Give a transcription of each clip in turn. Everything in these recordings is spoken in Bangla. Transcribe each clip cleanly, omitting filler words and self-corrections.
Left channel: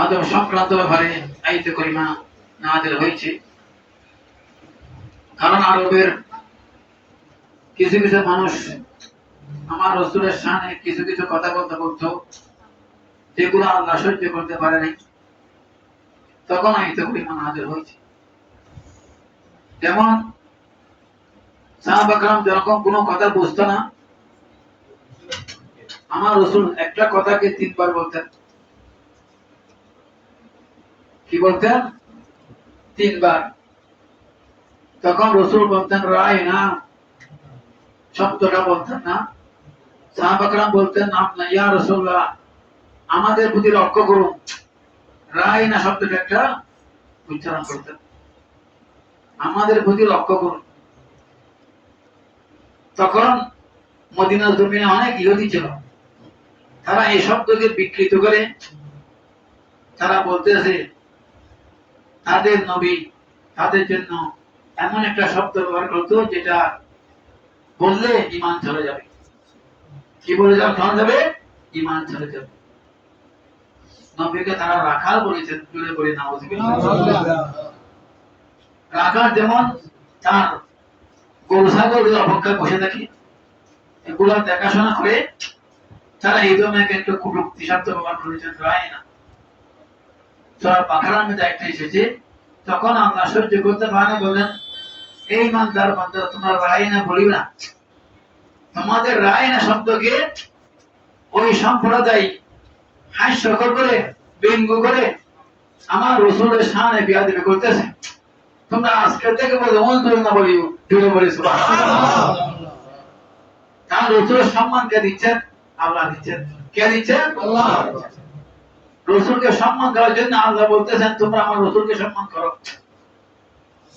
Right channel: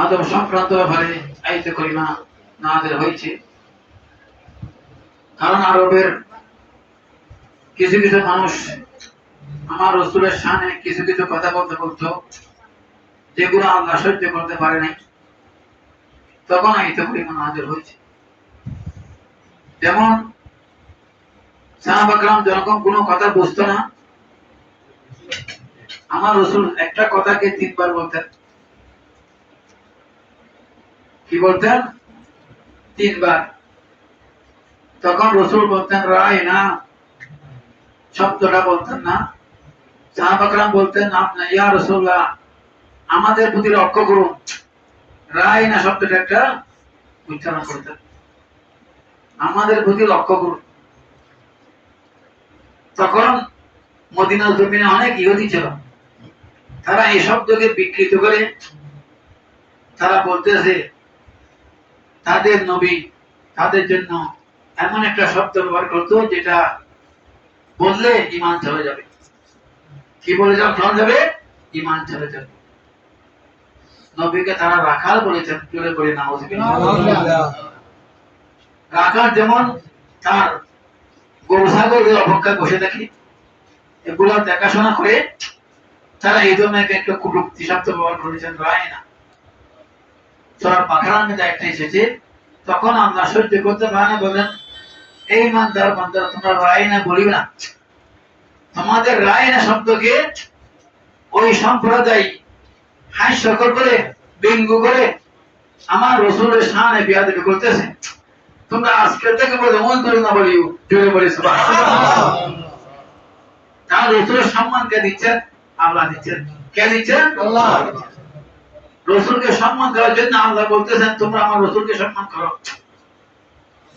আদম সংক্রান্ত ব্যাপারে আয়াতে করিমা নাযিল হয়েছে। কারণ আরবের কিছু কিছু মানুষ আমার রাসূলের শানে কিছু কিছু কথা বলতো যেগুলো আল্লাহ সহ্য করতে পারে নাই, তখন আয়াতে করিমা নাযিল হয়েছে। যেমন সাহাবা کرام যখন কোনো কথা বুঝতো না, আমার রাসূল একটা কথাকে তিনবার বলতেন। কি বলতেন? তিনবার। তখন রাসূল বলতেন রায়না, শব্দটা বলতেন না। সাহাবা کرام বলতেন আপনি ইয়া রাসূলুল্লাহ আমাদের প্রতি লক্ষ্য করুন, রায়না শব্দটা একটা উচ্চারণ করতেন, আমাদের প্রতি লক্ষ্য করুন। তখন মদিনার জমিনে অনেক ইহুদি ছিল, তারা এই শব্দকে বিকৃত করে তারা বলতেছে তাদের নবী তাদের জন্য এমন একটা শব্দ ব্যবহার করতো যেটা বললে ঈমান চলে যাবে। কি বলে চলে যাবে? ঈমান চলে যাবে। নবীকে তারা রাখাল বলেছেন, জোরে বলে নাউযুবিল্লাহ। রাখাল যেমন তার গরু ছাগলের অপেক্ষায় বসে থাকে, এগুলো দেখাশোনা করে, তারা এই ধরনের একটা কুটুক্তি শব্দ ব্যবহার করেছেন রায়না। সূরা বাকারার মধ্যে একটা এসেছে, তখন আল্লাহ সহ্য করতে পারে না, বললেন এই ইমানদার বান্দারা তোমরা রায়না বলিবে না। তোমাদের রায়না শব্দকে ওই সম্প্রদায় হাস্যকর করে ব্যঙ্গ করে আমার রাসূলের শানে বেয়াদবি করতেছে। তোমরা আজকে থেকে বলে মন করে না বলিও, জোরে বলি সুবহানাল্লাহ। তার রাসূলের সম্মান কে দিচ্ছেন? আল্লাহ দিচ্ছেন। কে দিচ্ছেন? আল্লাহ। রাসূলকে সম্মান দেওয়ার জন্য আল্লাহ বলতেছেন তোমরা আমার রাসূলকে সম্মান করো,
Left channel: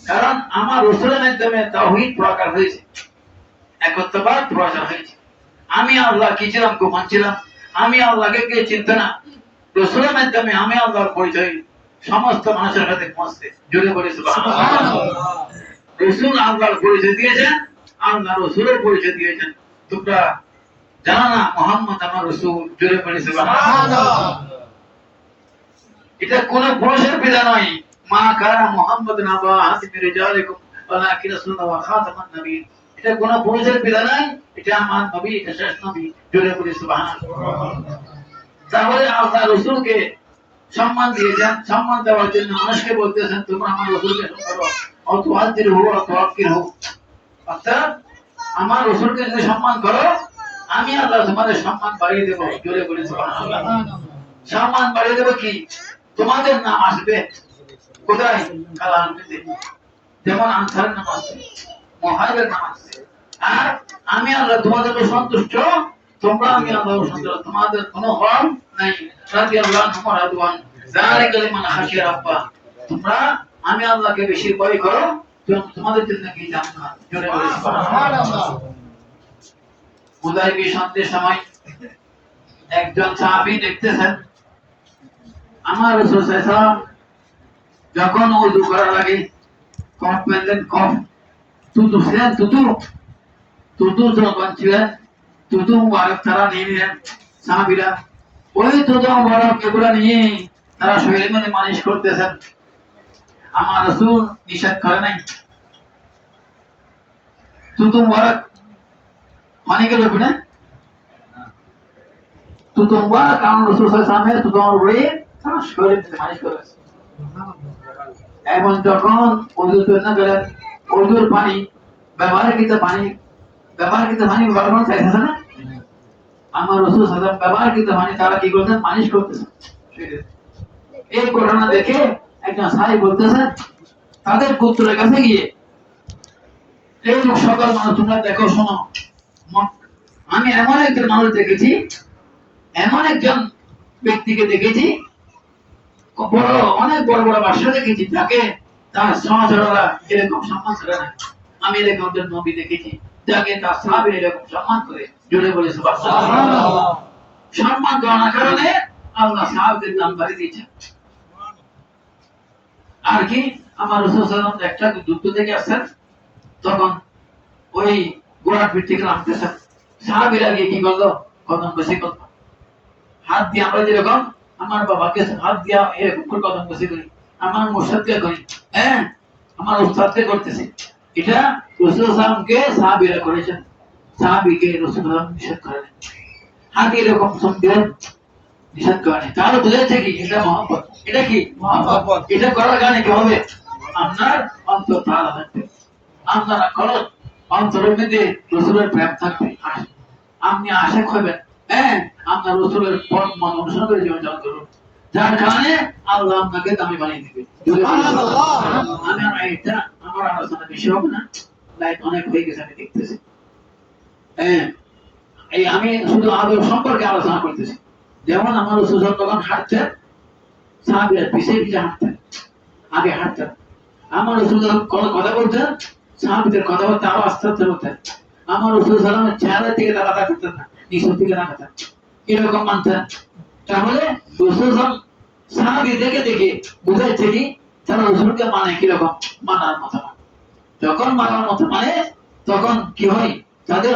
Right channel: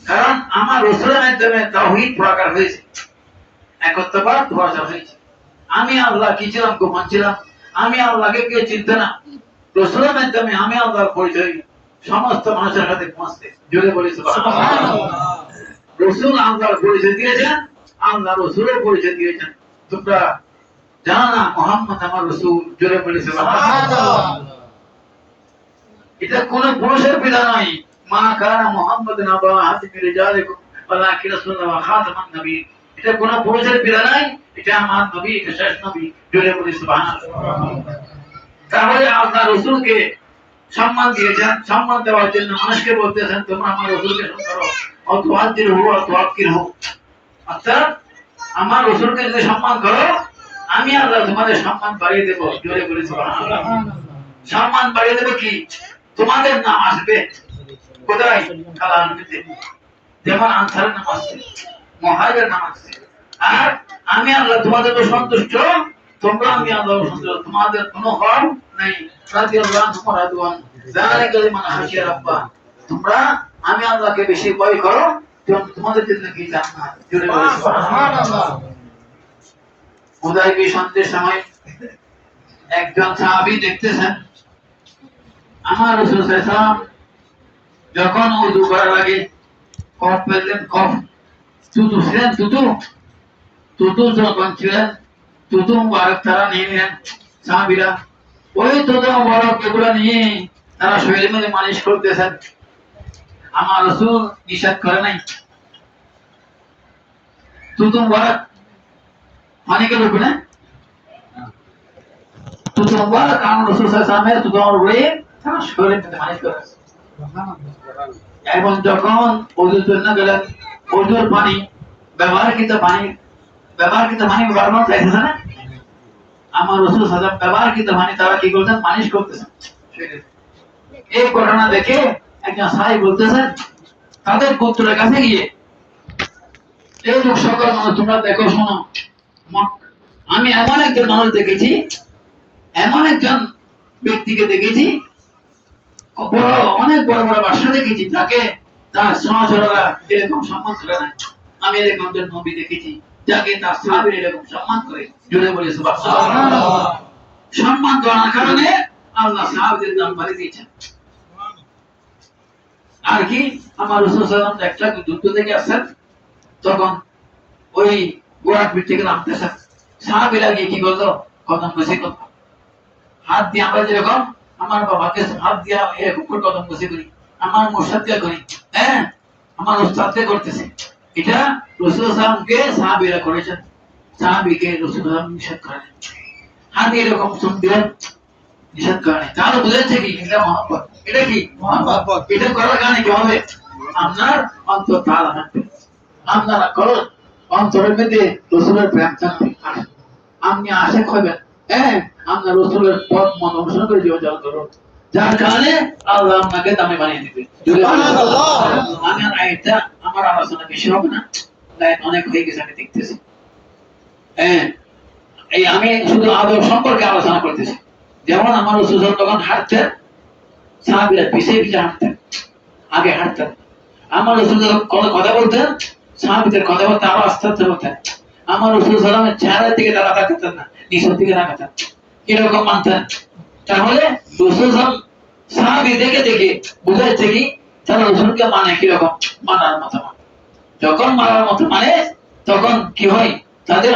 কারণ আমার রাসূলের মাধ্যমে তাওহীদ প্রকাশ হয়েছে, একত্ববাদ প্রচার হয়েছে। আমি আল্লাহ কি ছিলাম? গোপন ছিলাম। আমি আল্লাহকে কে চিনতে না, রাসূলের মাধ্যমে আমি আল্লাহর পরিচয় সমস্ত মানুষের কাছে পৌঁছতে, জোরে বলি সুবহানাল্লাহ। রাসূল আল্লাহর পরিচয় দিয়েছেন, আল্লাহ রাসূলের পরিচয় দিয়েছেন। তোমরা জানো না মুহাম্মদ আমার রাসূল, জোরে বলি সুবহানাল্লাহ। এটা কোন পুরুষের বিধান নয়। মা কানা মুহাম্মাদুন আবা আহাদিন মিন রিজালিকুম ওয়ালাকিন রাসূলুল্লাহ ওয়া খাতামান নবী। এটা কোন পুরুষের বিধান নয়, এটা আমার নবী, এটা শেষ নবী, জোরে বলি সুবহানাল্লাহ। তাহলে আল্লাহ রাসূলকে সম্মান দিয়েছেন, সম্মান দেওয়ার জন্য মানুষকে বলতেছেন তোমরা আমার রাসূলকে সম্মান করো, অতুআদ্দিরহু ওয়া তুআক্কিরহু। অর্থাৎ আমার রাসূলকে যদি সম্মান করো, আমি আল্লাহ তোমাদের সম্মান বাড়িয়ে দেব, জোরে বলি সুবহানাল্লাহ। সম্মান বাড়িয়ে দেব কি? তোমাদের নাম আসবে কোথায়? কালামের মধ্যে। যেমন আনসারের নাম আসছে, মুহাজিরের নাম আসছে। আর আমি আল্লাহ তোমাদের উপর সন্তুষ্ট, তোমরা আমি আল্লাহর সন্তুষ্ট, তোমাদের কোনো হক নাই। রাদিয়াল্লাহু আনহু রাদওয়ান যালিকা লিমান খাশিয়া রাব্বা। তোমরা আমি আল্লাহকে বেশি ভয় করো, তোমাদের জন্য কি জান্নাত, জোরে বলি সুবহানাল্লাহ। হুদায়বিয়া সন্ধির সময় একজন সাহাবী দেখতেছেন আমার রাসূল সাল্লাল্লাহু আলাইহি ওয়াসাল্লাম যখন ওযু করা লাগে, কফ পেলেন, কফ তুতু ছিলেন, তুতু যখন ছিলেন, তুতু মুবারক তারা নিয়ে নিলেন সাহাবীরা। ওই তুতু মুবারক এগুলো নিয়ে তারা শরীরে মধ্যে মালিশ করতেছেন। আমার রাসূল নিষেধ করে নাই। তুতু মুবারক অনেকে লোক না, তুতু মুবারক আমার রাসূল সাল্লাল্লাহু আলাইহি ওয়াসাল্লামের তুতু মুবারক তারা শরীরে মধ্যে মালিশ করে। এবং যখন ওযুর জন্য গেলেন, ওযুর পানি ব্যবহারকৃত পানি ব্যবহার করতে চাইছে না, আমার রাসূল সাল্লাল্লাহু আলাইহি ওয়াসাল্লাম ব্যবহারকৃত পানি তারা কি করতেন? মালিশ করতেছেন। এই ঘটনা দেখে একজন সাহাবী বলতেছেন তাদের পুত্রের কাছে গিয়ে, এই লোক সকল মানুষ তোমরা দেখো শোনো, আমি এমন একজন মানুষ দেখেছি, এমন একজন ব্যক্তিকে দেখেছি, অনেক বড় বড় বাদশা দেখেছি, তাকে তার সহচররা এরকম সম্মান করে না। আমি এরকম একজন নবী দেখেছি যাকে তার সাহাবীরা এরকম সম্মান করে, জোরে বলে সুবহানাল্লাহ। সম্মান করার কারণে আল্লাহ সাহাবীদের নাম বাড়িয়ে দিয়েছেন। আর কি আমার রাসূল সাল্লাল্লাহু আলাইহি ওয়াসাল্লাম একটা যুদ্ধ থেকে আসেন, তখন ওই ঘোড়ার পিঠ থেকে নামতেছেন, সাহাবীরা গিয়ে কি করলো? কদম বেশি করলো, হাত দিয়ে আমরা যেরকম আমার বাবাকে হাত দিয়া এরকম করে কদম বসে করি, আমার মুর্শিদকে করি, হ্যাঁ আমার উস্তাদকে করতেছি। এটা রাসূল সাল্লামকে সাহাবীরা করেছেন, সাহাবীকে রাসূল সাল্লাম নিষেধ করেন। হাত এরকম সম্বিধান নিষেধ করেন, তাহলে বুঝাচ্ছে কি এটা মহব্বত। এটা কি মহব্বত। এটা করার কারণে কি হবে? আপনার অন্তর তালা থাকবে, আপনারা করো অন্তরের মধ্যে রাসূলের প্রেম থাকবে, আপনি আশিক হবেন, হ্যাঁ আপনার রাসূলের পথ মান অনুসরণ করে জীবন করুন, যার কারণে আল্লাহ আপনাকে দামি বানিয়ে দিবে। আমি আর এটা আমার আলোচনা বেশি হবে না, লাইট অনেক হয়ে গেছে আমি দেখতেছি। হ্যাঁ এই আমি শুধু আদব সম্পর্কে আলোচনা করতেছি। যেমন আমার রাসূল যখন হাঁটতেন, সাহাবীরা পিছিয়ে পিছিয়ে হাঁটতেন, আগে হাঁটতেন। আমার রাসূল যখন কোনো কথা বলতেন, সাহাবীদের কথাবার্তা আরো আস্তে আস্তে বলতেন। আমার রাসূল সাল্লামের চেহারার দিকে তারা তাকাতেন না, নিচের দিকে তাকাতেন, এরকম মানতেন। তাহলে রাসূল সাহাবী দেখে দেখে বুঝাচ্ছে কি তারা রাসূলকে মানে কিরকম মানার মতো মানে। যখন মানার মতো মানে তখন কি হয় তাদের